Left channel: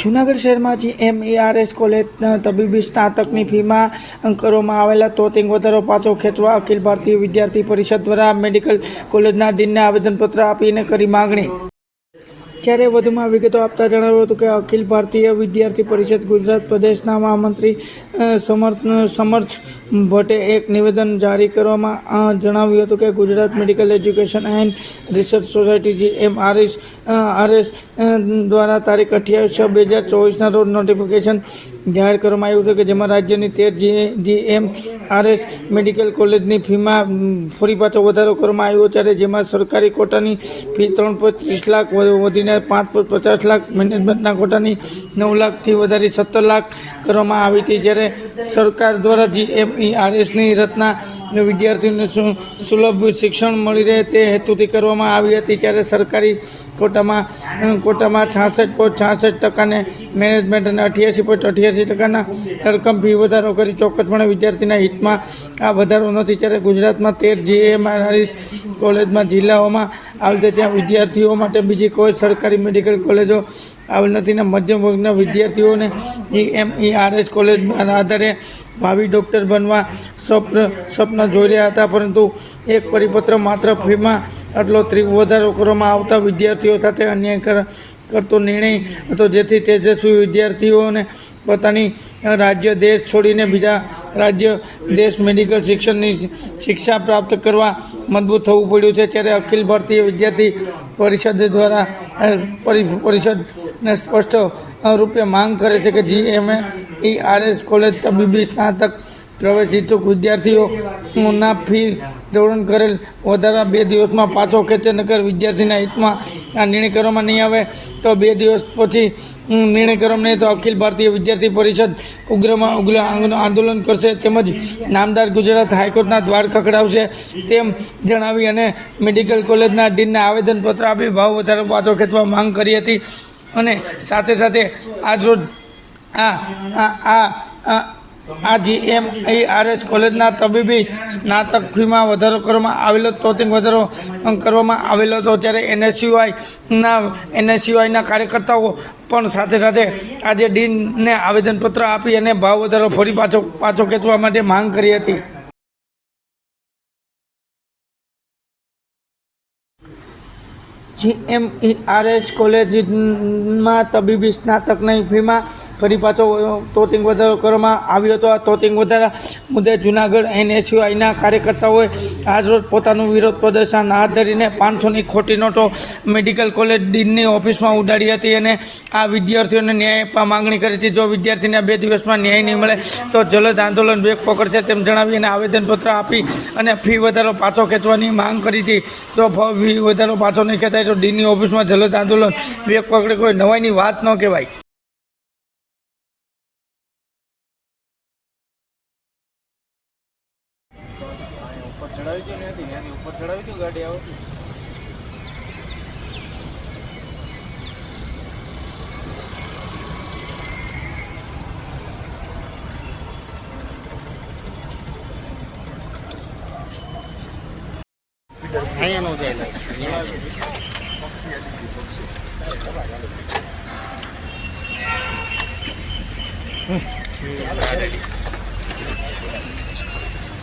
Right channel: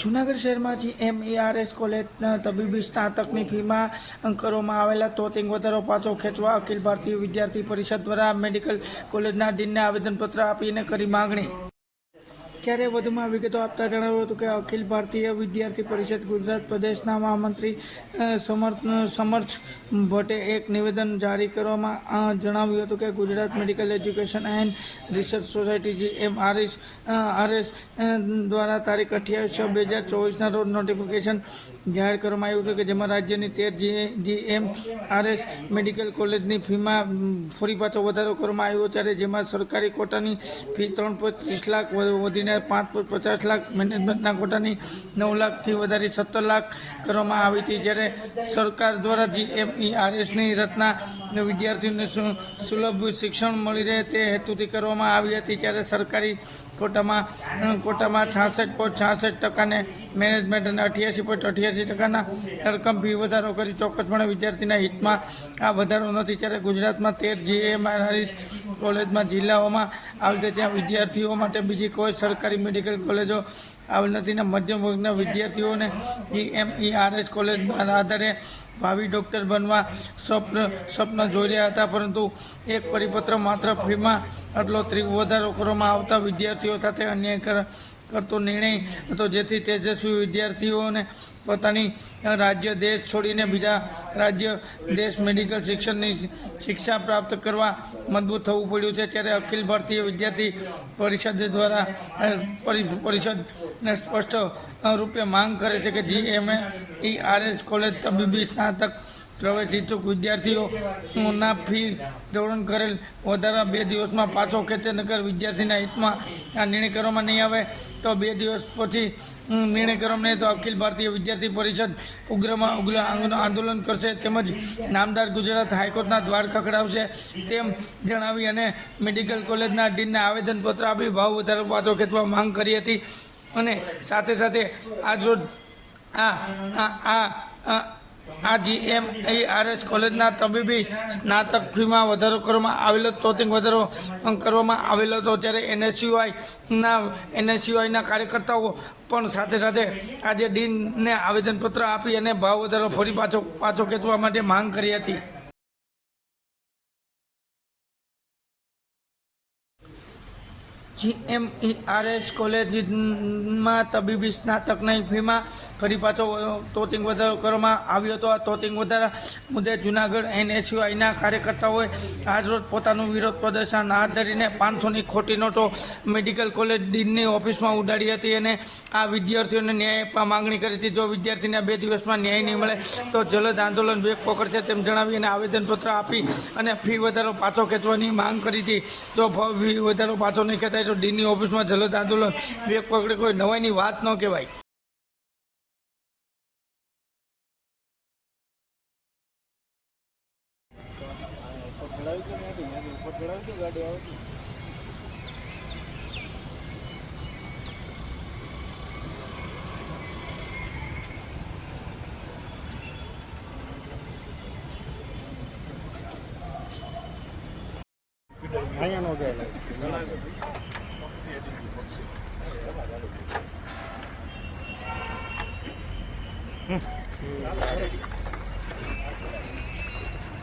જૂનાગઢ શહેરમાં GMERS college તબીબી સ્નાતકની ફીમાં કરવામાં આવેલા તોતિંગ વધારો પાછો ખેંચવા અખિલ ભારતીય વિદ્યાર્થી પરિષદ દ્વારા મેડિકલ કોલેજના ડીનને આવેદનપત્ર આપીને કરી માગણી। ત્યારે વધુમાં વિગતો આપતા જણાવ્યું હતું કે અખિલ ભારતીય વિદ્યાર્થી પરિષદ ગુજરાત પ્રદેશના મહામંત્રી સમર્થ ભટ્ટે એક નિવેદન જારી કરવામાં જણાવ્યું હતું કે Gujarat medical education and research society GMERS દ્વારા તારીખ 28/6/2024ના રોજ નોટિફિકેશન જાહેર કરવામાં આવ્યું છે કે જેમાં રાજ્યની 13 GMERS મેડિકલ કોલેજની ફીમાં ફરી પાછો વધારો કરવામાં આવ્યો, ત્યારે જેમાં સરકારી કોટાની ફી 3.30 લાખ વધીને 5.50 લાખ, મેનેજમેન્ટના કોટાની 9 લાખથી વધારી 17 લાખ કરવામાં આવી હતી। જ્યારે સરકાર દ્વારા GMERSની રચના વિદ્યાર્થીઓને સુલભ શિક્ષણ મળી રહે તે હેતુથી કરવામાં આવી હતી। ત્યારે સરકારી કોટામાં 66.66% મેનેજમેન્ટ અને 88.88% રકમ ફી વધારો કરી ચોક્કસપણે વિદ્યાર્થીના હિતમાં આ વધારો નથી। ત્યારે ગુજરાતમાં 13 GMERS કોલેજમાં જિલ્લાઓમાં આવેલ ત્યાં વિદ્યાર્થીઓ માટે બીજી કોઈ સરકારી મેડિકલ કોલેજો આવેલ નથી ને મધ્યમ વર્ગના વિદ્યાર્થીઓને GMERS કોલેજના આધારે ભાવિ ડૉક્ટર બનવા સ્વપ્ન જોઈ રહ્યા હતા, પરંતુ એક પરિપત્ર માત્ર ફીમાં આટલો વધારો કરવામાં આવતા વિદ્યાર્થીઓ સાથે અન્યાય કરતો નિર્ણય હતો, જેથી તેજસ્વી વિદ્યાર્થીઓને પોતાની રાજ્ય દેશ છોડીને બીજા રાજ્ય દેશ મેડિકલ શિક્ષણની શિક્ષા પ્રાપ્ત કરવા મજબૂત થવું પડ્યું છે। ત્યારે અખિલ ભારતીય વિદ્યાર્થી પરિષદ દ્વારા પરિષદ સ્પષ્ટ રૂપે માંગ કરે છે કે GMERS કોલેજ તબીબી સ્નાતક પ્રવેશ ઇચ્છુક વિદ્યાર્થીઓના ફી ધોરણ કરેલ વધારા 2 દિવસમાં પાછો ખેંચે, નગર વિદ્યાર્થીના હિતમાં આ નિર્ણય કરવામાં નહીં આવે તો 2 દિવસ પછી નિર્ણય કરવામાં નહીં તો અખિલ ભારતીય વિદ્યાર્થી પરિષદ ઉગ્રમાં ઉગ્ર આંદોલન કરશે, તેમજ નામદાર ગુજરાત હાઈકોર્ટના દ્વાર ખખડાવશે તેમ જણાવી અને મેડિકલ કોલેજના ડીનને આવેદનપત્ર આપી ભાવ વધારો પાછો ખેંચવા માંગ કરી હતી। અને સાથે સાથે આજરોજ આ GMERS કોલેજના તબીબી સ્નાતક ફીમાં વધારો કરવામાં આવેલો તોતિંગ વધારો કરવામાં આવેલો હતો। ત્યારે NSUIના કાર્યકર્તાઓ પણ સાથે આજે ડીનને આવેદનપત્ર આપી અને ભાવ વધારો ફરી પાછો ખેંચવા માટે માંગ કરી હતી। GMERS કોલેજમાં તબીબી સ્નાતકની ફીમાં ફરી પાછો તોતિંગ વધારો કરવામાં આવ્યો હતો। આ તોતિંગ વધારા મુદ્દે જૂનાગઢ NSUIના કાર્યકર્તાઓએ આજરોજ પોતાનું વિરોધ પ્રદર્શન હાથ ધરીને 500ની ખોટી નોટો મેડિકલ કોલેજ ડીનની ઓફિસમાં ઉડાડી હતી અને આ વિદ્યાર્થીઓને ન્યાય આપવા માંગણી કરી હતી। જો વિદ્યાર્થીને 2 દિવસમાં ન્યાય નહીં મળે તો જલદ આંદોલન વેગ પકડશે તેમ જણાવી અને આવેદનપત્ર આપી અને ફી વધારો પાછો ખેંચવાની માંગ કરી હતી। જો ફી વધારો પાછો નહીં ખેંચાય તો ડીની ઓફિસમાં જલદ આંદોલન વેગ પકડે કોઈ નવાઈની વાત ન કહેવાય।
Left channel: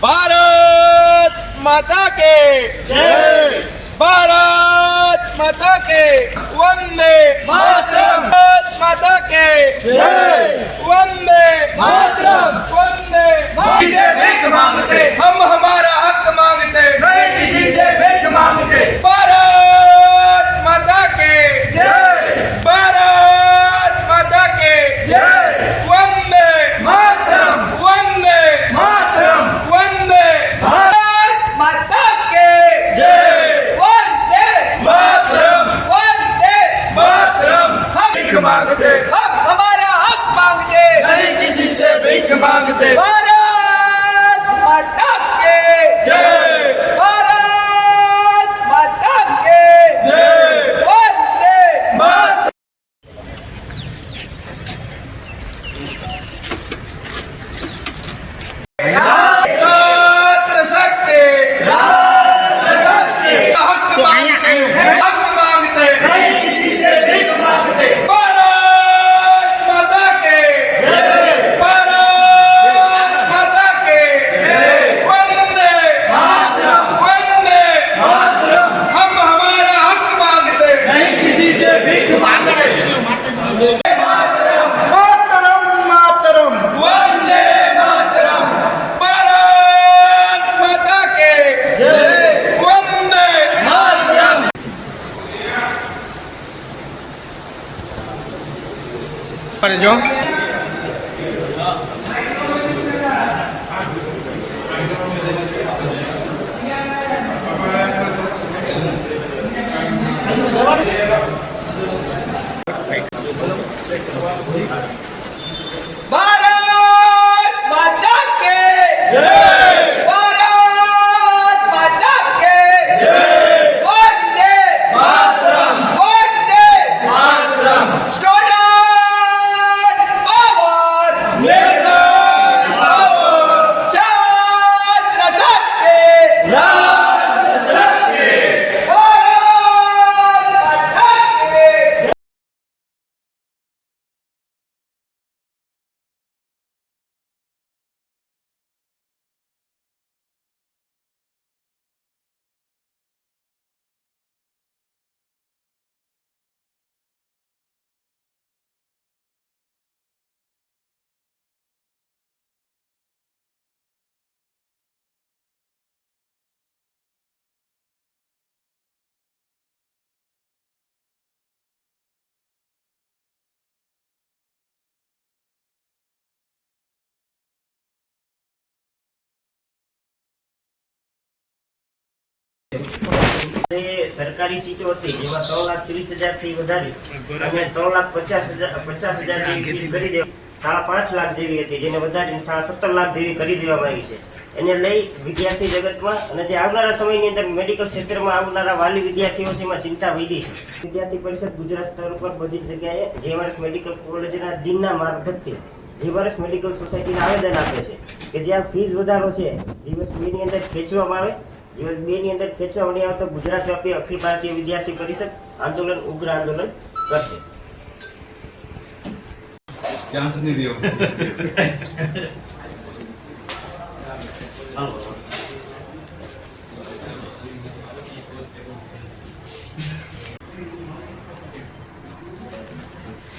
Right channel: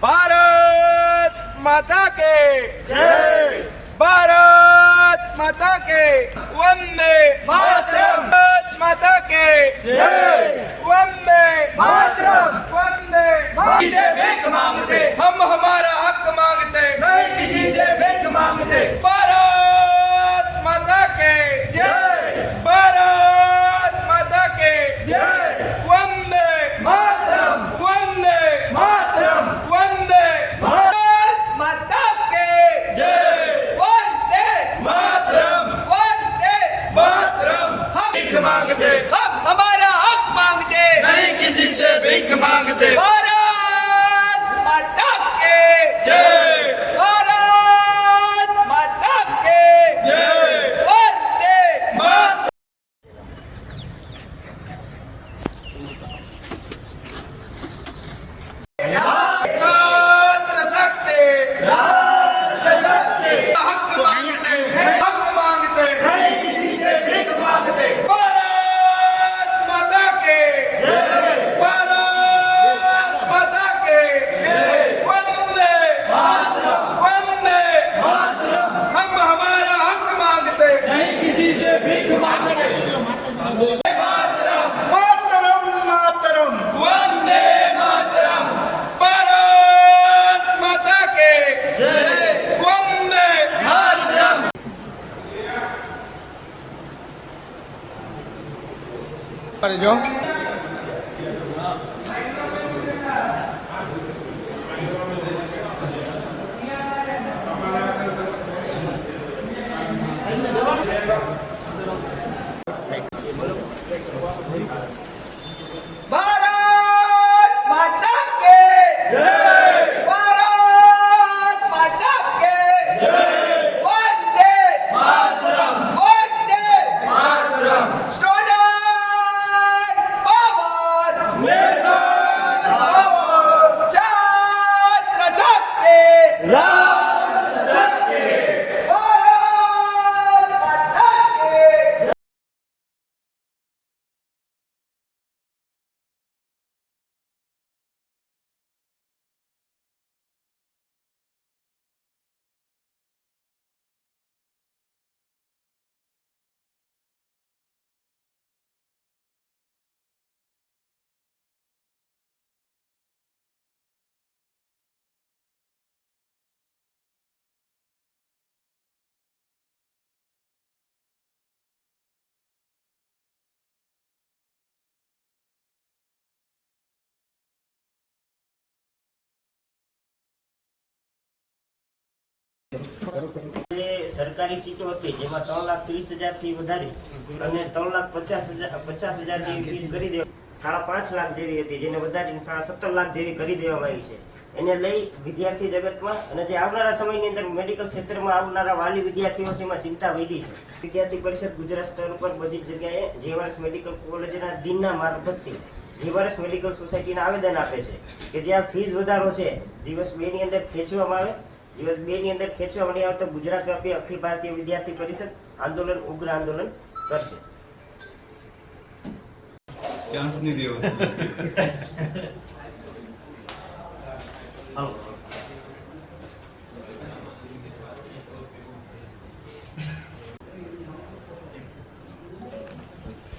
भारत माता के जय, भारत माता के वंदे मातरम, भारत माता के जय, वंदे मातरम, वंदे मातरम। से भीख मांगते हम हमारा हक मांगते नहीं किसी से भीख मांगते। भारत माता के जय, भारत माता के जय, वंदे मातरम, वंदे मातरम, वंदे भारत माता के जय, वंदे मातरम, वंदे मातरम। हम भीख मांगते हम हमारा हक मांगते नहीं किसी से भीख मांगते। भारत माता के પડે જો ભારત માતા કે જય ભારત માતા કે જય Vande Mataram Vande Mataram student power nation power છાત્ર શક્તિ રાષ્ટ્ર શક્તિ ભારત માતા કે સરકારી સીટો હતી જેમાં 3,30,000 થી વધારી અને 3,50,000 જેવી ફીસ કરી દે 5.5 લાખ જેવી હતી જેને વધારીને 17 લાખ જેવી કરી દેવામાં આવી છે. એને લઈ વિદ્યાર્થી જગતમાં અને જે આવનારા સમયની અંદર મેડિકલ ક્ષેત્રમાં આવનારા વાલી વિદ્યાર્થીઓ છે એમાં ચિંતા વધી છે. વિદ્યાર્થી પરિષદ ગુજરાત સ્તર પર બધી જ જગ્યાએ જેવર્સ મેડિકલ કોલેજના દિનના મારફતથી જેવર્સ મેડિકલ સોસાયટીને આવેદન આપે છે કે જ્યાં ફીસ વધારો છે દિવસ 2 ની અંદર ખેંચવામાં આવે. દિવસ 2 ની અંદર ખેંચવા મળી આવે તો ગુજરાત વ્યાપી અખિલ ભારતીય વિદ્યાર્થી પરિષદ આંદોલન ઉગ્ર આંદોલન કરશે. ચાન્સ નહીં દેવો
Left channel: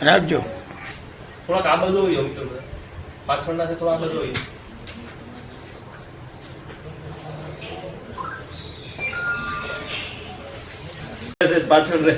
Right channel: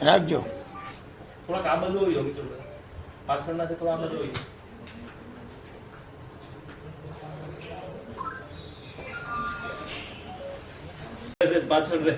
રાખજો થોડાક આ બધું હોય મિત્રો પાછળના થોડા આ બધું હોય પાછળ રે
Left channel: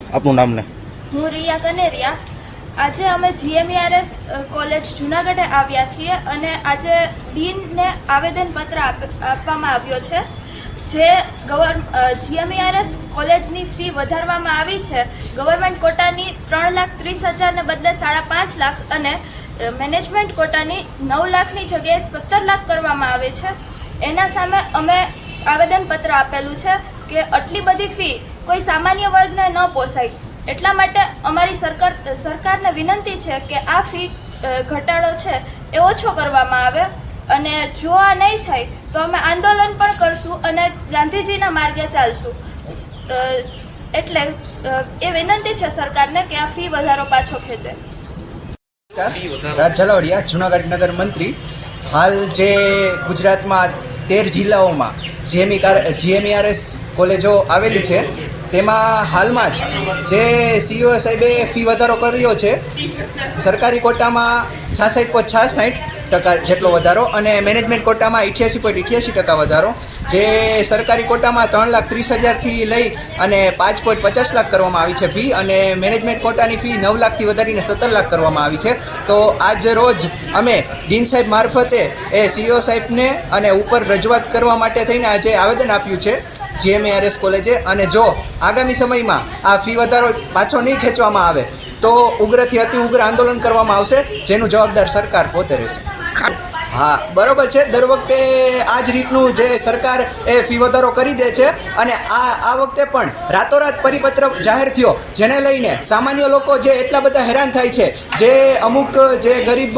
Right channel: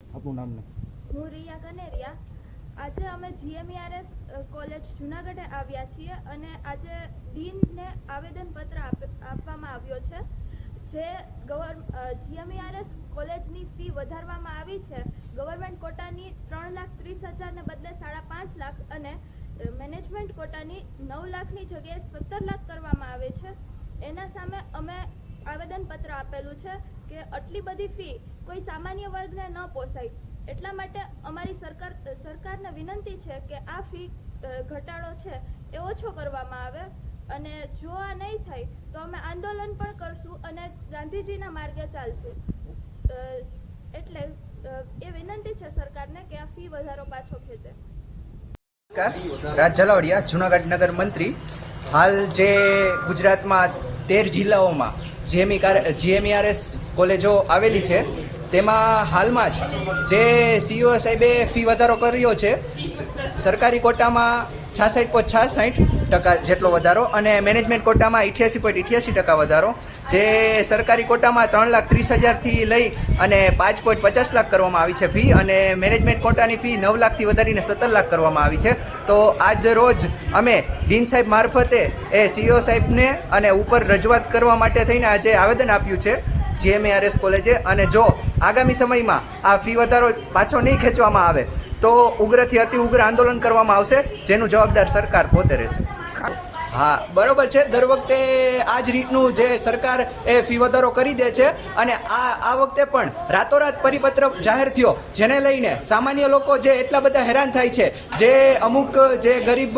આપનું નામ ને? હું રિયા કનેરિયા. આજે અમે GMERS કોલેજ જુનાગઢે આવ્યા છીએ અને આજે ડીનને આવેદનપત્ર આપવામાં આવ્યો છે. જે GMERS કોલેજની ફી વધારવામાં આવી છે. ગવર્મેન્ટ કોટાની 3,30,000 ને બદલે 5.5 લાખ અને મેનેજમેન્ટ કોટાની 9 લાખની જગ્યાએ 17 લાખ કરવામાં આવે છે. એના સામે અમે આવેદનપત્ર આપેલું છે કે આટલી બધી ફી કોઈ સામાન્ય વર્ગને ન પોસાય. એટલા માટે અમારી સરકારને વિનંતી છે કે આ ફી ઘટાડો છે એ ઓછો કરવામાં આવે, અને જો આ નહીં થાય તો અમે આંદોલન પણ કરશું અને ગાંધીજીના માર્ગે ચાલશું. એટલે એ વિનંતી છે સરકારને કે આ ફી વધારો પાછો ખેંચે. રાજ ઝાલાવાડિયા, જૂનાગઢ નગર મંત્રી. હાલ જે ગુજરાતમાં 13 જિલ્લાઓમાં GMERS કોલેજો આવેલી છે તેમાં હાલમાં જ જે CEO સાહેબે ફી વધારો કર્યો છે. સરકારી કોટામાં 66.66% જેટલો વધારો અને મેનેજમેન્ટ કોટામાં 88.88% વધારો. જે સરકારી કોટામાં 3,30,000થી લઈ અને 5.50 લાખ કરવામાં આવી છે ફી, અને મેનેજમેન્ટ કોટાની ફી 9 લાખથી વધારીને 17 લાખ કરવામાં આવી છે. તો આજ રોજ અમે ડીન સાહેબ મારફતે એ CEO સાહેબને અને ઉપર રજૂઆત કરવા માટે થઈને આજે આવેદન આપ્યું છે GMERS કોલેજે. અને જો આગામી સમયમાં આ ફી વધારો પાછો નહીં ખેંચવામાં આવે તો ઉગ્રથી અતિ ઉગ્ર આંદોલન કરવામાં આવશે, જેનું જવાબદાર સરકાર પોતે રહેશે. હા, બરોબર છે. દર વખતે આ જ રીતનું જે સરકાર એ ફી વધારો કરી દે છે, અને આ વખતે પણ રાતોરાત પરિપત્ર જાહેર થયો, જેને લઈને સામાન્ય લોકો જે એટલા બધા હેરાન થાય છે, જે અમુક જે ગરીબ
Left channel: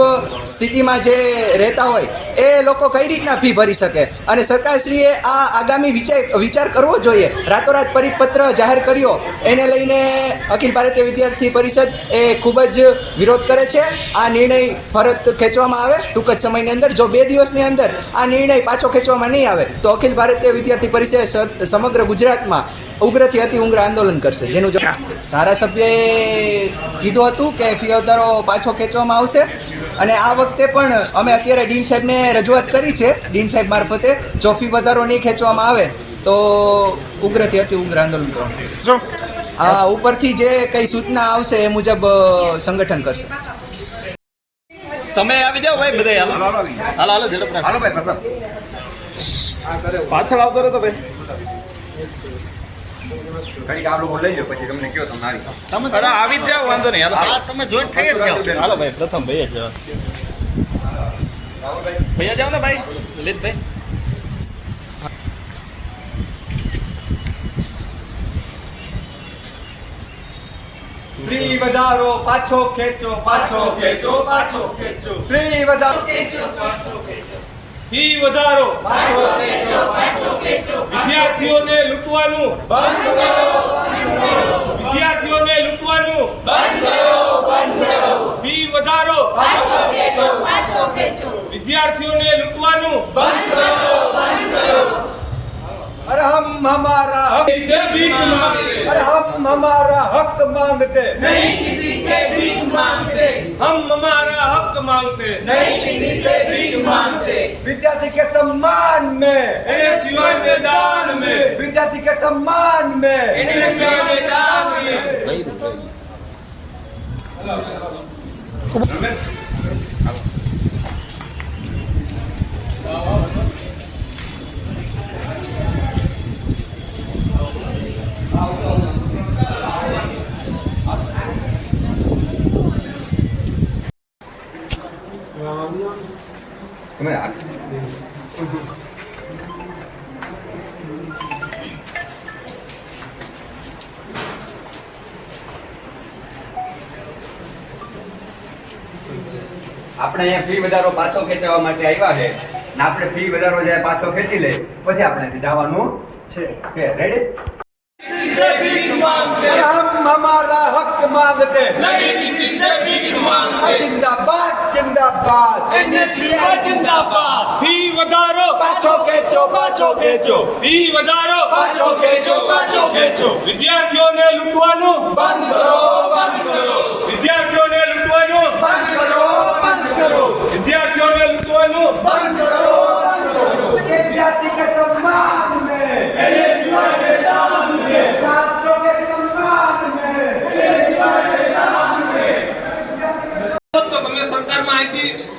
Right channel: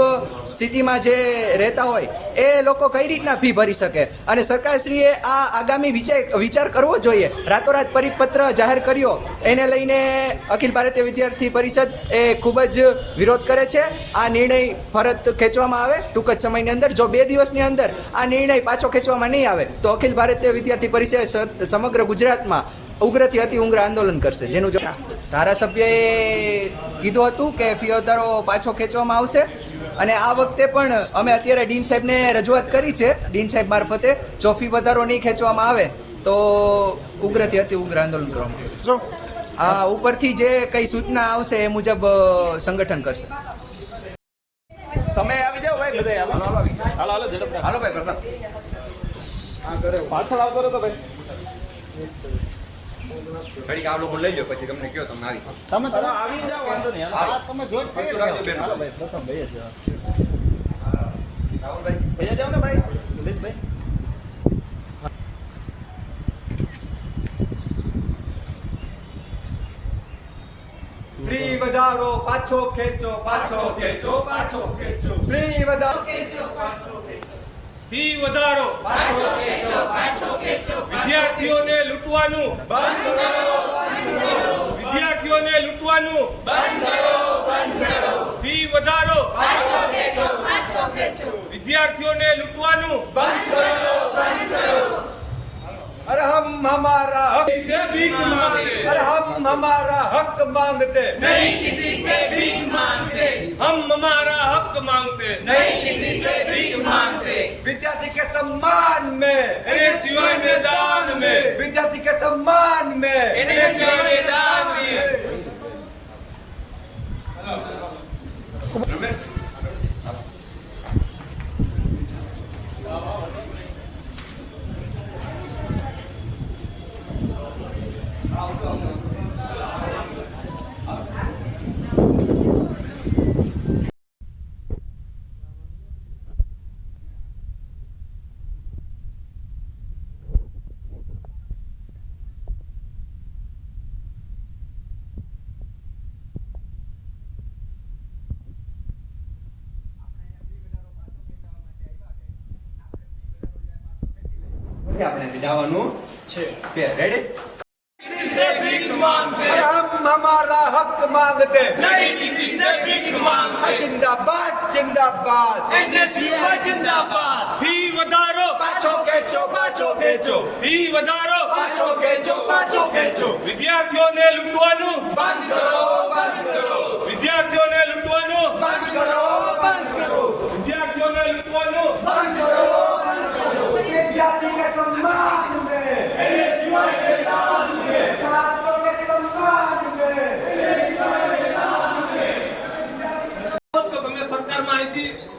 સ્થિતિમાં જે રહેતા હોય એ લોકો કઈ રીતના ફી ભરી શકે, અને સરકારશ્રીએ આ આગામી વિચાર કરવો જોઈએ. રાતોરાત પરિપત્ર જાહેર કર્યો એને લઈને અખિલ ભારતીય વિદ્યાર્થી પરિષદ એ ખૂબ જ વિરોધ કરે છે. આ નિર્ણય ફરત ખેંચવામાં આવે ટૂંક જ સમયની અંદર. જો 2 દિવસની અંદર આ નિર્ણય પાછો ખેંચવામાં નહીં આવે તો અખિલ ભારતીય વિદ્યાર્થી પરિષદ સમગ્ર ગુજરાતમાં ઉગ્રથી અતિ ઉગ્ર આંદોલન કરશે, જેનું ધારાસભ્યએ કીધું હતું કે ફી વધારો પાછો ખેંચવામાં આવશે. અને આ વખતે પણ અમે અત્યારે ડીન સાહેબને રજૂઆત કરી છે, ડીન સાહેબ મારફતે. જો ફી વધારો નહીં ખેંચવામાં આવે તો ઉગ્રથી અતિ ઉગ્ર આંદોલન કરવાનું. આ ઉપરથી જે કંઈ સૂચના આવશે એ મુજબ સંગઠન કરશે. તમે આવી જાઓ ભાઈ બધા. હાલો હાલો ઝડપ હાલો ભાઈ પ્રતાપ પાછળ આવતો રહો તો ભાઈ. તમે આવી જ જાઓ, વાંધો નહીં. હાલો તમે જોઈન્ટ થઈ જ જાઓ. હાલો ભાઈ પ્રથમ ભાઈ જ ભૈયા જાઓ ને ભાઈ લલિતભાઈ. ફ્રી વધારો પાછો ખેંચો, પાછો ખેંચો, પાછો ખેંચો. ફ્રી વધારો ફી વધારો પાછો ખેંચો, પાછો ખેંચો. વિદ્યાર્થીઓને લૂંટવાનું બંધ કરો, વિદ્યાર્થીઓને લૂંટવાનું બંધ કરો. ફી વધારો પાછો ખેંચો, પાછો ખેંચો. વિદ્યાર્થીઓને લૂંટવાનું બંધ કરો. अरे हम हमारा हक से भीख मांगते, अरे हम हमारा हक मांगते नहीं किसी से भीख मांगते. हम हमारा हक मांगते नहीं किसी से भीख मांगते. विद्यार्थी के सम्मान में, NSUI मैदान में, विद्यार्थी के सम्मान में, NSUI मैदान में. આપણે અહીંયા ફી વધારો પાછો ખેંચવા માટે આવ્યા છે ને આપણે ફી વધારો જ્યારે પાછો ખેંચી લે પછી આપણે જવાનું છે. રેડી? हम हमारा हक मांगते नहीं किसी से भीख मांगते. जिंदाबाद जिंदाबाद NSUI जिंदाबाद. ફી વધારો पाछो खेचो, पाछो खेचो. ફી વધારો पाछो खेचो, पाछो खेचो. વિદ્યાર્થીઓને લૂંટવાનું बंद करो, बंद करो. વિદ્યાર્થીઓને લૂંટવાનું बंद करो, बंद करो. વિદ્યાર્થીઓને લૂંટવાનું बंद करो, बंद करो. विद्यार्थी के सम्मान में, NSUI मैदान में. छात्रों के सम्मान में, NSUI मैदान में. તો તમે સરકારમાં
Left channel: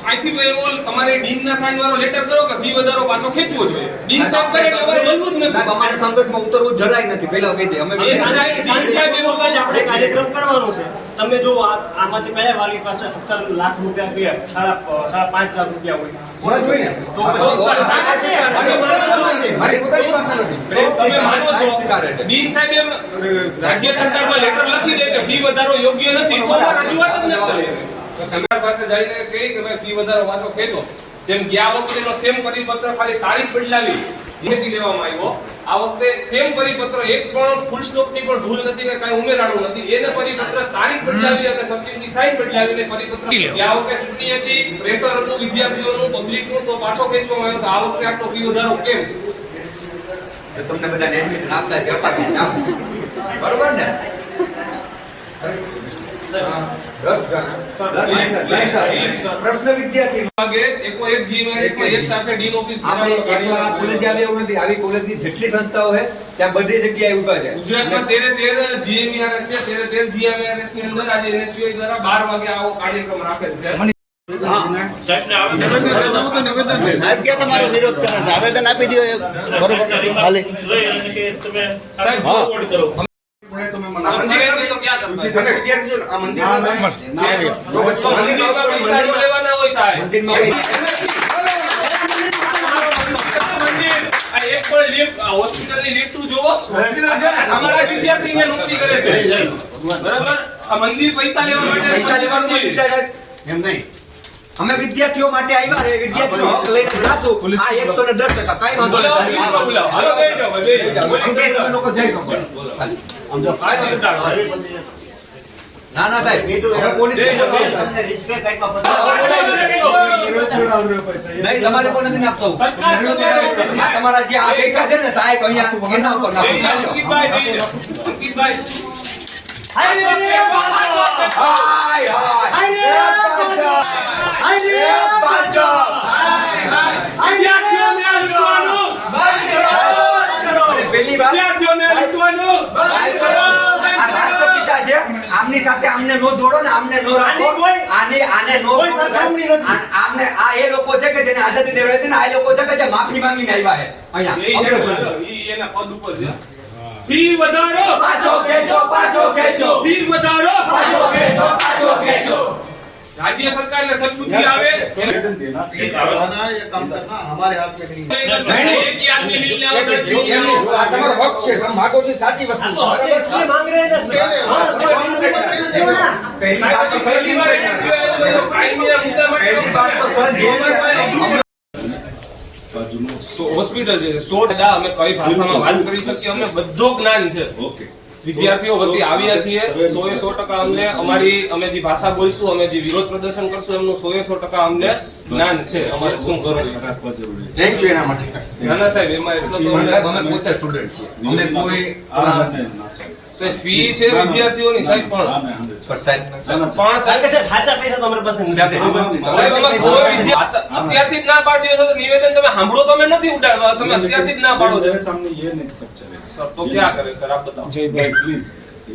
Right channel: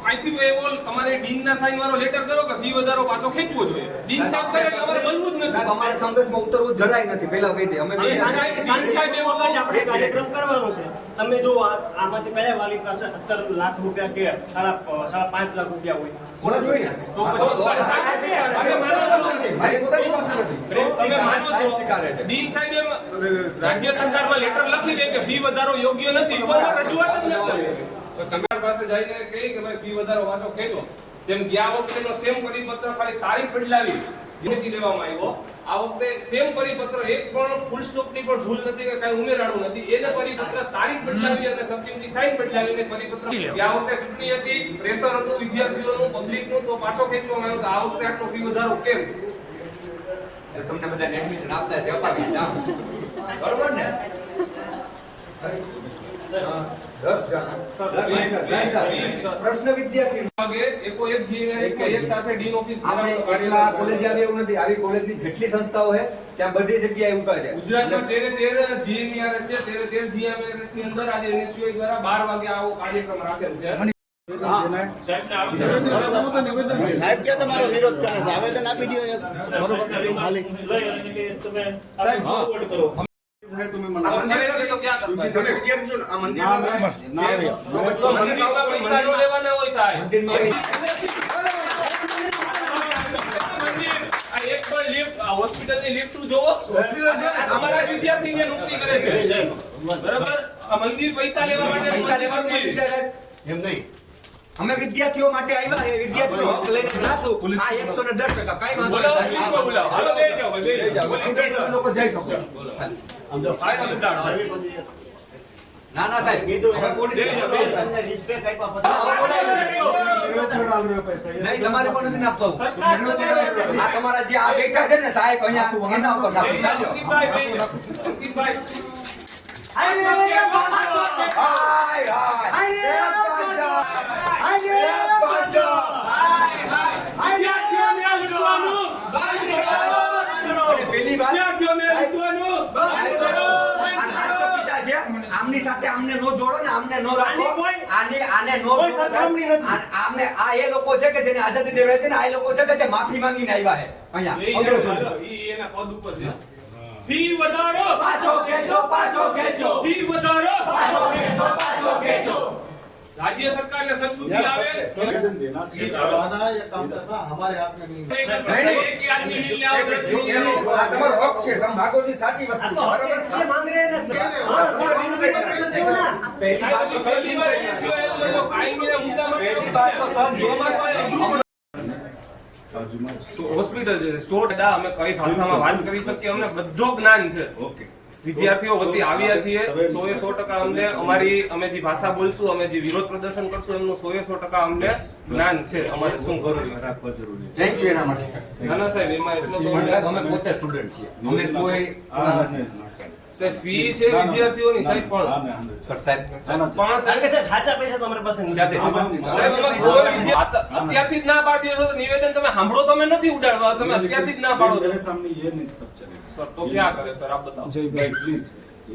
અહીંથી એવો તમારે ડીનના સાઈન વાળો લેટર કરો કે ફી વધારો પાછો ખેંચવો જોઈએ. ડીન સાહેબ કરે એટલે અમારે બનવું જ નથી. અમારે સંઘર્ષમાં ઉતરવું જરાય નથી. પહેલા કહી દે અમે ડીન સાહેબ એવું કહે છે, આપણે કાર્યક્રમ કરવાનો છે. તમે જો આમાંથી કયા વાળી પાસે 17 લાખ રૂપિયા ગયા, 5.5 લાખ રૂપિયા હોય કોણ જોઈને તો પછી મારી પોતાની ભાષા નથી. તમે માનો છો સ્વીકારે છે. ડીન સાહેબ એમ રાજ્ય સરકારમાં લેટર લખી દે કે ફી વધારો યોગ્ય નથી તો અમારે રજૂઆત જ ન કરીએ. સરકાર પાસે જઈને કહી કે ભાઈ ફી વધારો પાછો ખેંચો. જેમ ગયા વખતેનો સેમ પરિપત્ર ખાલી તારીખ બદલાવી જીએસટી લેવામાં આવ્યો, આ વખતે સેમ પરિપત્ર એક પણ ફૂલ સ્ટોપ ની પણ ભૂલ નથી કે કાંઈ ઉમેરાણું નથી. એને પરિપત્ર તારીખ બદલાવી અને સબસિડી સાઇન બદલાવીને પરિપત્ર ગયા વખતે ચૂંટણી હતી, પ્રેશર હતું વિદ્યાર્થીઓનું, પબ્લિકનું, તો પાછો ખેંચવામાં આવ્યો. તો આ વખતે આટલો ફી વધારો કેમ? તો તમને બધાને એડમિશન આપતા જ અપાવી છે આમ. બરોબર ને? 10 જણા. પ્રશ્ન વિદ્યાર્થી વાગે એકો એક જીએમઆરએસ માં એક સાથે ડીન ઓફિસ આપણે એકલા કોલેજ આવે એવું નથી. આવી કોલેજની જેટલી સંસ્થાઓ છે ત્યાં બધી જગ્યાએ ઊભા છે. ગુજરાતમાં 13 જીએમઆરએસ છે. 13 જીએમઆરએસ ની અંદર આજે એનએસયુઆઈ દ્વારા 12 વાગે આવો કાર્યક્રમ રાખેલ છે. સાહેબ ક્યાં તમારો વિરોધ કરે છે? આવેદન આપી દો એક. બરોબર ખાલી સાહેબ, હા. આ મંદિરે તો ક્યાં કરતા? અને વિદ્યાર્થીઓ આ મંદિરમાં જો પછી મંદિરમાં પૈસા ન લેવાના હોય સાહેબ. મંદિરમાં મંદિર આ એક પણ લિફ્ટ હોસ્પિટલની લિફ્ટ જોવો. હોસ્પિટલ છે ને? અમારા વિદ્યાર્થીને નોકરી કરે છે. બરાબર? આ મંદિર પૈસા લેવા માટે પૈસા લેવાનું નથી સાહેબ. એમ નહીં. અમે વિદ્યાર્થીઓ માટે આવ્યા છે, વિદ્યાર્થીનો હક લઈને જાશું. આ 110% કાંઈ વાંધો નથી. બોલાવો. હાલો, બેસી જાઓ, બેસી જાઓ. તમે લોકો જઈ શકો. આમ જો કાંઈ વાંધો નથી. ના ના સાહેબ, હવે પોલીસ તમને રિસ્પેક્ટ આપ્યા પછી નહીં, તમારે પણ નથી નાખતો. આ તમારા જે આ બેઠા છે ને સાહેબ અહીંયા એના ઉપર નાખો. ચાલ્યો. અંકિતભાઈ, બેસી જાઓ. અંકિતભાઈ. હાય હાય. અને પેલી વાત વિદ્યાર્થીઓને લૂંટવાનું. આ રાષ્ટ્રપિતા છે, આમની સાથે આમને નો જોડો ને આમને નો રાખો. આને નો આમને આ એ લોકો છે કે જેને આઝાદી દેવડાવી છે ને આ એ લોકો છે કે જે માફી માંગીને આવ્યા છે અહીંયા અંગ્રેજોને. ઈ એના પદ ઉપર છે. ફી વધારો. પાછો ખેંચો, પાછો ખેંચો, ફી વધારો. પાછો ખેંચો, પાછો ખેંચો. રાજ્ય સરકારને સદબુદ્ધિ આવે. काम करना हमारे हाथ में नहीं है। એક ही आदमी मिल जाओ, 10 मिल जाओ. આ તમારો હક છે, તમે માગો છો એ સાચી વસ્તુ છે, બરાબર? પહેલી વાત તો પહેલી વાર NSU કાયમીના મુદ્દા માટે પહેલી વાત તો સર હોસ્પિટલ છે 100% અમે કઈ ભાષામાં વાત કરી શકીએ, અમને બધું જ્ઞાન છે. વિદ્યાર્થીઓ વતી આવ્યા છીએ 100% અમને અમે જે ભાષા બોલશું, અમે જે વિરોધ પ્રદર્શન કરશું એમનું 100% અમને જ્ઞાન છે. અમારે શું કરવું થેન્ક યુ એના માટે. નાના સાહેબ એમાં સાહેબ અમે પોતે સ્ટુડન્ટ છીએ, અમે કોઈ ફી છે વિદ્યાર્થીઓની સાહેબ પણ સાહેબ સાચા પૈસા તો અમારી પાસે નથી. સાથે અત્યારથી જ ના પાડી દો તો નિવેદન તમે સાંભળો તો અમે નથી ઉડાડવા, તમે અત્યારથી જ ના પાડો છો. सामने ये नहीं सब चलेगा સર તો क्या करे સર આપ बताओ. भाई प्लीज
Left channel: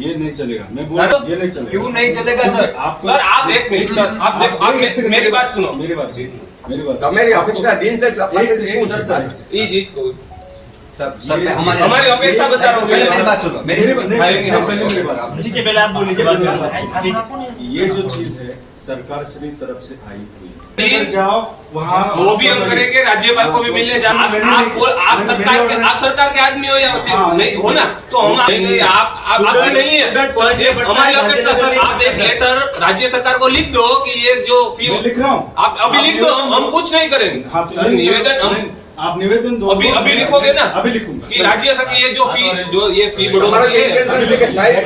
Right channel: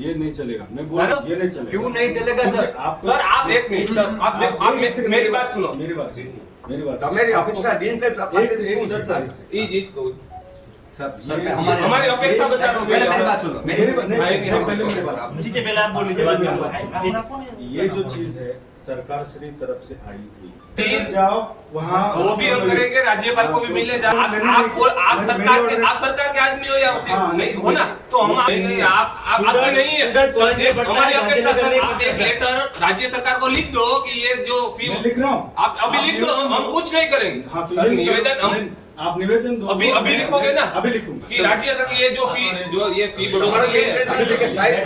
ये नहीं चलेगा मैं बोल रहा हूं, ये नहीं चलेगा क्यों नहीं चलेगा सर? आपको सर आप एक मिनट सर आप देखो आप मेरी बात सुनो. मेरी बात सुनो मेरी बात તમારી અપેક્ષા દિન સાહેબ પાસેથી શું છે? ये चीज को सर हमारी अपेक्षा बता रहा हूँ. पहले मेरी बात सुनो, मेरी नहीं पहले मेरी बात सुनो। ठीक है, पहले आप बोलिए, जब मेरी आप बात ठीक। सुनो। ये जो चीज है सरकार श्री तरफ से आई हुई है, ठीक। अगर जाओ वहाँ वो भी हम करेंगे, राज्यपाल को भी मिलने जाओ. आप सरकार के आदमी हो या हाँ, नहीं हो ना, तो हम आप भी नहीं है. हमारी अपेक्षा सर आप एक लेटर राज्य सरकार को लिख दो कि ये जो फी मैं लिख रहा हूँ आप अभी लिख दो, हम कुछ नहीं करेंगे. हाँ, सर निवेदन हम आप निवेदन दो अभी लिखोगे ना अभी लिखूंगा कि राज्य सरकार ये फी તમારો बढ़ोतरी જે है. intention છે કે સાહેબ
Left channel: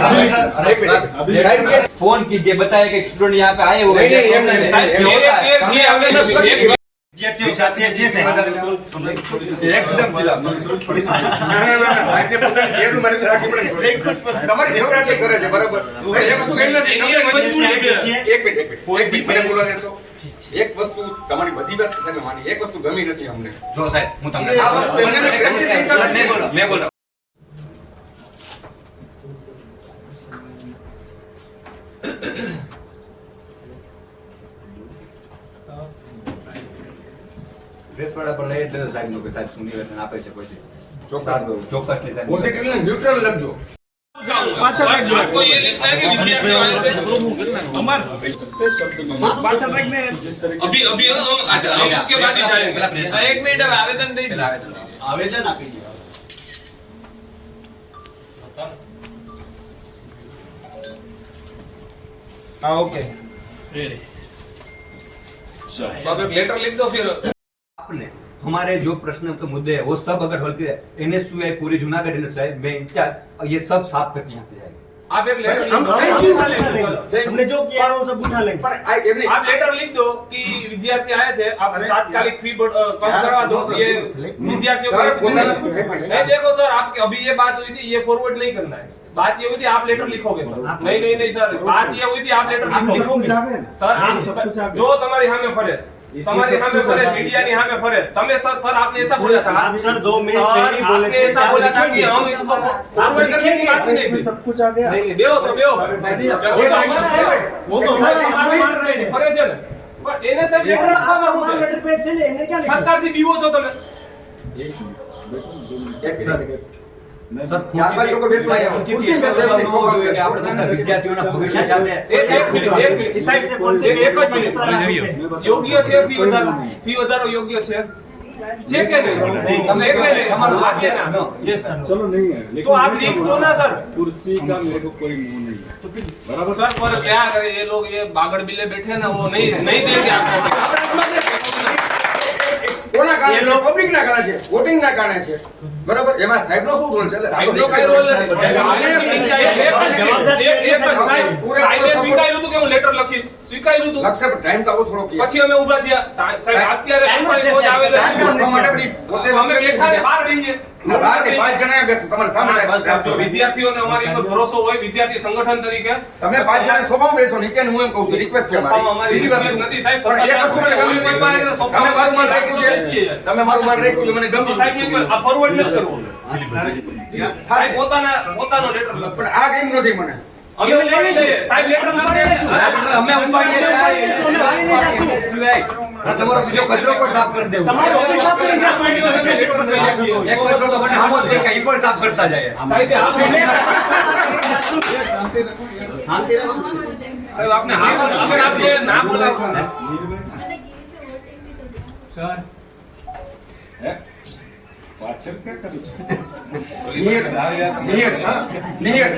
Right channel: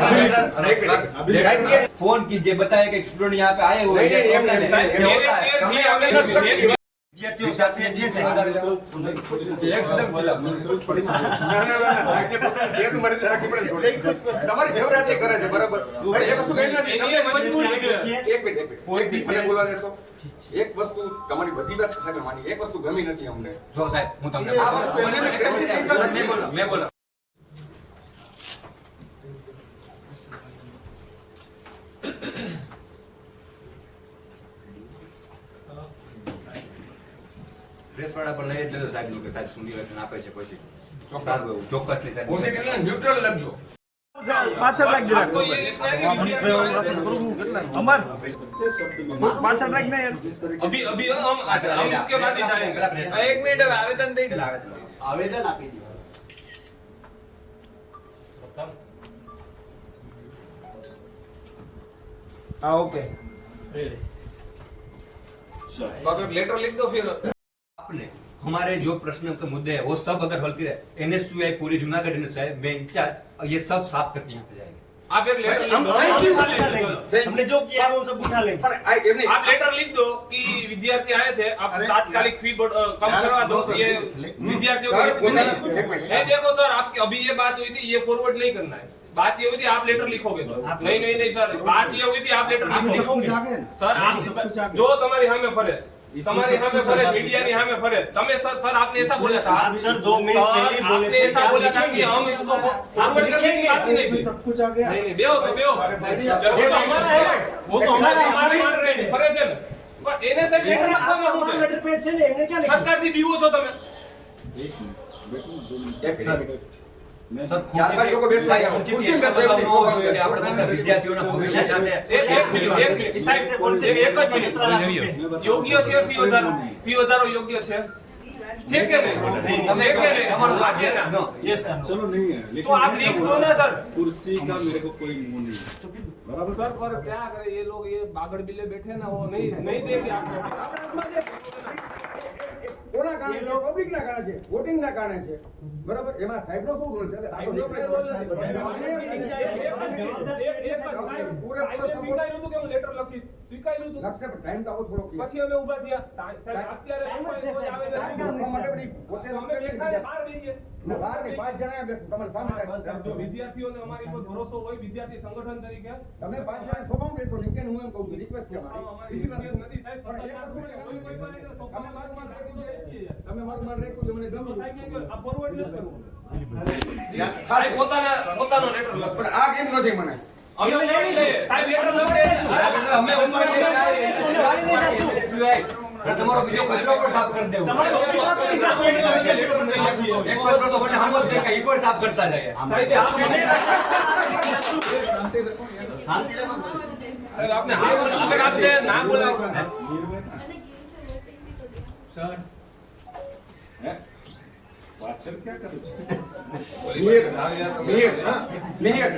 સાહેબ કે फोन कीजिए, बताए कि स्टूडेंट यहाँ पे आए हुए नहीं, हैं, नहीं, साहब, ये होता है। तेरे जी हमें एक विद्यार्थियों સાથે જે છે एकदम खिलाफ। ના સાહેબ કે પોતાની જેબમાં મારી રાખી પડે. તમારી ફેવરેટલી કરે છે, બરાબર? એ વસ્તુ કઈ નથી. ये मजबूरी है. એક મિનિટ મને બોલવા દેશો. એક વસ્તુ તમારી બધી વાત સામે માની, એક વસ્તુ ગમી નથી અમને. જો સાહેબ હું તમને આ વસ્તુ મને मैं बोला मैं बोला રેસવાડા પર લઈ જતો સાહેબ લોકો સાહેબ શું નિવેદન આપે છે પછી ચોક્કસલી સાહેબ પોઝિટિવ ને ન્યુટ્રલ લખજો. आपको ये लिखना है कि विद्यार्थी आने से अभी अभी हम इसके बाद ही जाएंगे. एक मिनट अब आवेदन दे પહેલા આવેદન आवेदन આપી દો हाँ ओके तो आप एक लेटर लिख दो फिर आपने हमारे जो प्रश्न के मुद्दे हैं वो सब अगर हल किया NSUI पूरी जूनागढ़ NSUI में इंचार्ज ये सब साफ करके यहाँ पे जाएंगे। आप एक लेटर हमने जो किया है वो सब उठा लेंगे। आप लेटर लिख दो कि विद्यार्थी आए थे आप तात्कालिक फी कम करवा दो ये विद्यार्थियों को नहीं देखो सर आपकी अभी ये बात हुई थी ये फॉरवर्ड नहीं करना है बात ये हुई थी आप लेटर लिखोगे सर नहीं सर बात ये हुई थी आप लेटर सर जो तुम्हारी यहाँ में फरे તમારી સામે ફરે मीडिया ની સામે ફરે તમે सर आपने ऐसा बोला था सर 2 मिनट पहले बोले आपने ऐसा बोला था कि हम इसको फॉरवर्ड करने की बात नहीं थी सब कुछ आ गया। नहीं बेहो तो बेहो वो तो हमारे फरे છે ને પણ એને સાહેબ લેટર લખવામાં હું છે लेटर पेज से ले हमने क्या लिखा સરકાર થી બીવો છો તમે सर 4 बार को बेस आया उनकी टीम पे सेवा न हो જોઈએ કે આપણે બધા વિદ્યાર્થીઓના ભવિષ્ય સાથે એક મિનિટ સાહેબ એક જ મિનિટ યોગ્ય છે ફી વધારો યોગ્ય છે કે નહીં તમે એક નહીં તમારો વાત છે ना यस सर चलो नहीं है लेकिन तो आप लिख दो ना सर कुर्सी का मेरे को कोई मुंह नहीं है। बराबर सर पर क्या करे ये लोग ये बागड़ बिल्ले बैठे ना वो नहीं देंगे आपको કોના કારણે છે પબ્લિક ના કારણે છે વોટિંગ ના કારણે છે બરાબર એમાં સાહેબ નો શું રોલ છે સાહેબનો કઈ રોલ નથી સાહેબે સ્વીકાર્યું હતું કે હું લેટર લખીશ સ્વીકાર્યું હતું લક્ષે ટાઈમ તો થોડો કે પછી અમે ઊભા થયા સાહેબ અત્યારે કોઈ આવે માટે બધી પોતે અમે બેઠા ને બહાર રહીએ બાર કે 5 જણા બેસો તમારા સામે જો વિદ્યાર્થીઓને અમારી પર ભરોસો હોય વિદ્યાર્થી સંગઠન તરીકે તમે 5 જણા સોફામાં બેસો નીચે હું એમ કહું છું રિક્વેસ્ટ છે મારી બીજી વસ્તુ નથી સાહેબ પણ એક વસ્તુ મને ગમી તમે મારું માન રાખ્યું છે તમે મારું માન રાખ્યું છે મને ગમ્યું સાહેબ આ ફોરવર્ડ નથી કરવું સાહેબ પોતાનો લેટર લખો પણ આ ગેમ નથી મને અમે ઉપાડી છે સાહેબ લેટર લખે અમે ઉપાડીએ તમારો બીજો કચરો પણ સાફ કરી દેવો તમારો ઓફિસ સાફ કરી દેજો એક કચરો તો મને સામો જ દેખાય એ પણ સાફ કરતા જાય સાહેબ આપને અગર આપને ના બોલાવો પાછળ ક્યાં કરી છે નિયર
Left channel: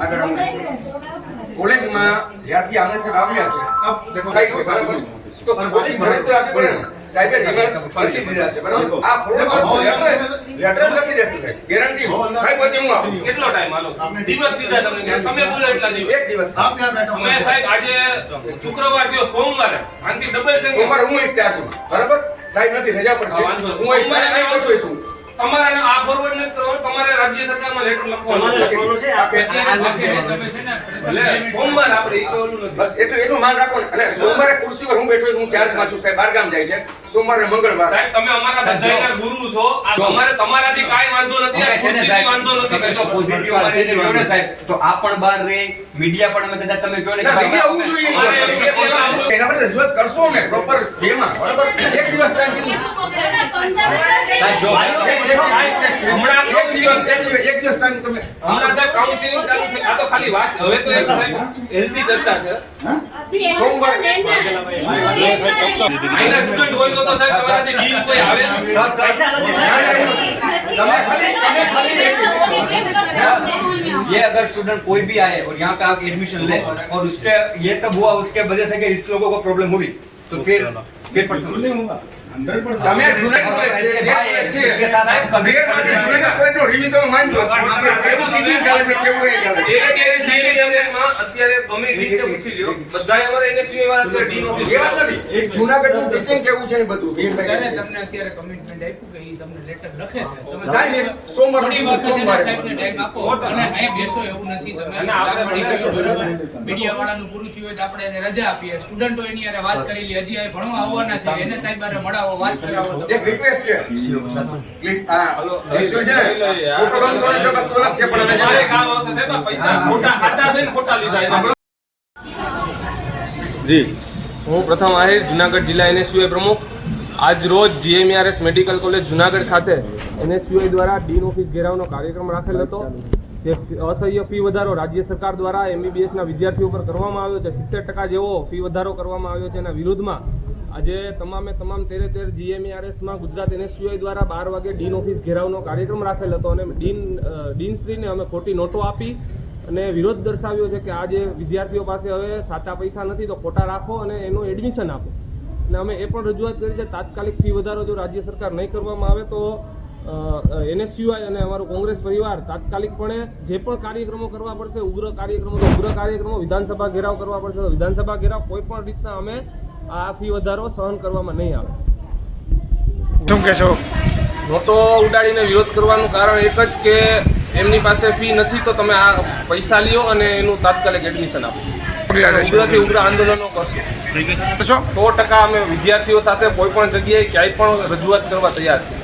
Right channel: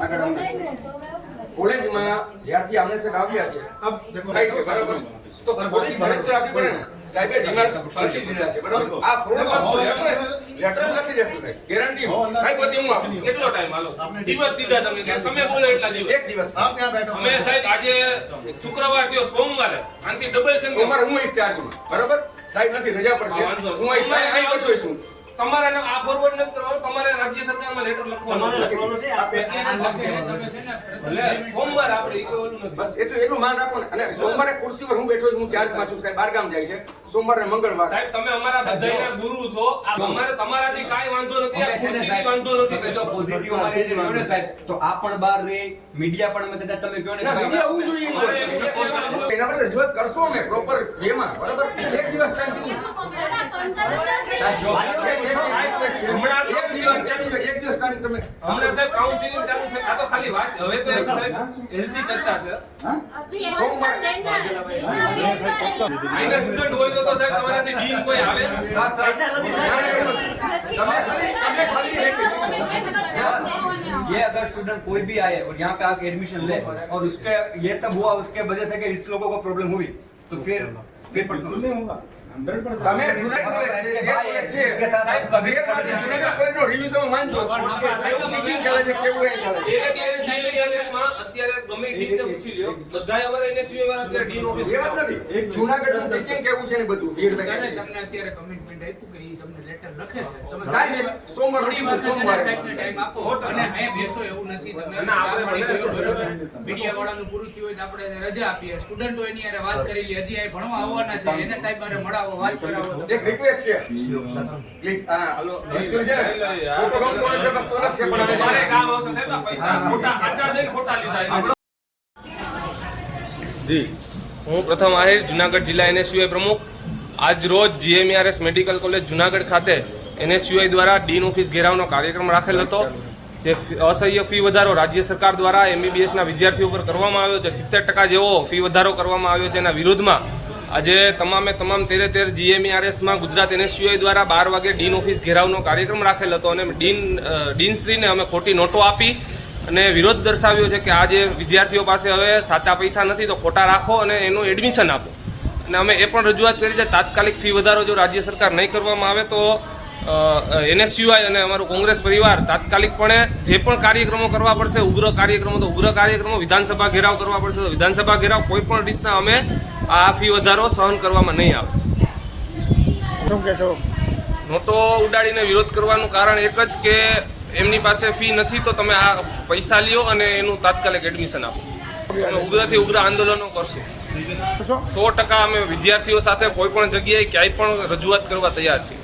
આગળ અમને કોલેજમાં જ્યારથી આમને સાહેબ આવ્યા છે થાય છે બરાબર તો કોઈ ભરત રાખે પડે સાહેબે રિમાર્ક્સ ફરતી દીધા છે બરાબર આ ફોરવર્ડ લેટર લખી દેશે સાહેબ ગેરંટી સાહેબ વતી હું આપું કેટલો ટાઈમ હાલો દિવસ દીધા તમને તમે બોલો એટલા દિવસ એક દિવસ અમે સાહેબ આજે શુક્રવાર થયો સોમવારે આનાથી ડબલ છે સોમવારે હું ઇન્ચાર્જ છું બરાબર સાહેબ નથી રજા પર છે હું અહીં સાહેબ અહીં પછી છું તમારે આ ફોરવર્ડ નથી કરવાનું તમારે રાજ્ય સરકારમાં લેટર લખવાનું છે એટલે સોમવારે આપણે એક ઓલું નથી બસ એટલું માન રાખો ને અને સોમવારે ખુરશી પર હું બેઠો છું હું ચાર્જમાં છું સાહેબ બહાર ગામ જાય છે સોમવારે મંગળવાર સાહેબ તમે અમારા બધાયના ગુરુ છો અમારે તમારાથી કાઈ વાંધો નથી આ ખુરશીથી વાંધો નથી તમે જો પોઝિટિવ અમારે એને કહો ને સાહેબ તો આ પણ બહાર રહે મીડિયા પણ અમે કદાચ તમે કહો ને કે ભાઈ આવવું જોઈએ એના માટે રજૂઆત કરશો ને પ્રોપર વેમાં બરાબર એક દિવસ ટાઈમ કીધું હમણાં એક દિવસ ટાઈમ તમે હમણાં સાહેબ કાઉન્સિલિંગ ચાલુ છે આ તો ખાલી વાત હવે તો એક સાહેબ હેલ્થી ચર્ચા છે માઇનર સ્ટુડન્ટ હોય તો સાહેબ તમારાથી ડીન કોઈ આવે ये अगर स्टूडेंट कोई भी आए और यहाँ पे आप एडमिशन ले और उसके ये सब हुआ उसके वजह से कि इस लोगों को प्रॉब्लम हुई तो फिर नहीं होगा 100% તમે જૂનાગઢ છે કે સાહેબ સભી જૂનાગઢ કોલેજનો રિવ્યુ તમે માનજો કેવું ટીચિંગ ચાલે છે કેવું નહીં ચાલે છે અત્યારે ગમે રીતે પૂછી લ્યો બધાય અમારે NSU વાળા તો ડીન ઓફિસ એ વાત નથી એક જૂનાગઢનું ટીચિંગ કેવું છે ને બધું તમને અત્યારે કમિટમેન્ટ આપ્યું કે ઈ તમને લેટર લખે છે તમે જાય ને સોમવાર થોડી વાર સોમવારે સાહેબને ટાઈમ આપો અને અહીં બેસો એવું નથી તમે અને આપણે બરોબર મીડિયા વાળાનું પૂરું થયું હોય તો આપણે એને રજા આપીએ સ્ટુડન્ટો એની હારે વાત કરી લે હજી અહીં ભણવા આવવાના છે એને સાહેબ હારે મળાવો વાત કરાવો તો એક રિક્વેસ્ટ છે પ્લીઝ હા હલો એ જો છે ફોટો ગમ તો એક વસ્તુ અલગ છે પણ હવે મારે કામ આવશે સાહેબ પૈસા ખોટા ખાતા દઈને ખોટા લીધા जी હું પ્રથમ આહિર જુનાગઢ જિલ્લા NSUI પ્રમુખ આજ રોજ GMERS મેડિકલ કોલેજ જુનાગઢ ખાતે NSUI દ્વારા ડીન ઓફિસ ઘેરાવનો કાર્યક્રમ રાખેલ હતો જે અસહ્ય ફી વધારો રાજ્ય સરકાર દ્વારા MBBSના વિદ્યાર્થીઓ પર કરવામાં આવ્યો છે 70% જેવો ફી વધારો કરવામાં આવ્યો છે એના વિરોધમાં આજે તમામ 13 GMERSમાં ગુજરાત NSUI દ્વારા 12 વાગે ડીન ઓફિસ ઘેરાવનો કાર્યક્રમ રાખેલ હતો અને ડીનશ્રીને અમે ખોટી નોટો આપી અને વિરોધ દર્શાવ્યો છે કે આ જે વિદ્યાર્થીઓ પાસે હવે સાચા પૈસા નથી તો ખોટા રાખો અને એનું એડમિશન આપો. અને અમે એ પણ રજૂઆત કરી છે તાત્કાલિક ફી વધારો જો રાજ્ય સરકાર નહીં કરવામાં આવે તો NSUI અને અમારું કોંગ્રેસ પરિવાર તાત્કાલિકપણે જે પણ કાર્યક્રમો કરવા પડશે, ઉગ્ર કાર્યક્રમો, વિધાનસભા ઘેરાવ કરવા પડશે તો વિધાનસભા ઘેરાવ કોઈ પણ રીતના અમે આ ફી વધારો સહન કરવામાં નહીં આવે. શું કહેશો? નોટો ઉડાડીને વિરોધ કરવાનું કારણ એક જ કે એમની પાસે ફી નથી તો તમે આ પૈસા લ્યો અને એનું તાત્કાલિક એડમિશન આપો. ઉગ્રથી ઉગ્ર આંદોલનો કરશું. 100% અમે વિદ્યાર્થીઓ સાથે કોઈ પણ જગ્યાએ ક્યાંય પણ રજૂઆત કરવા તૈયાર છીએ.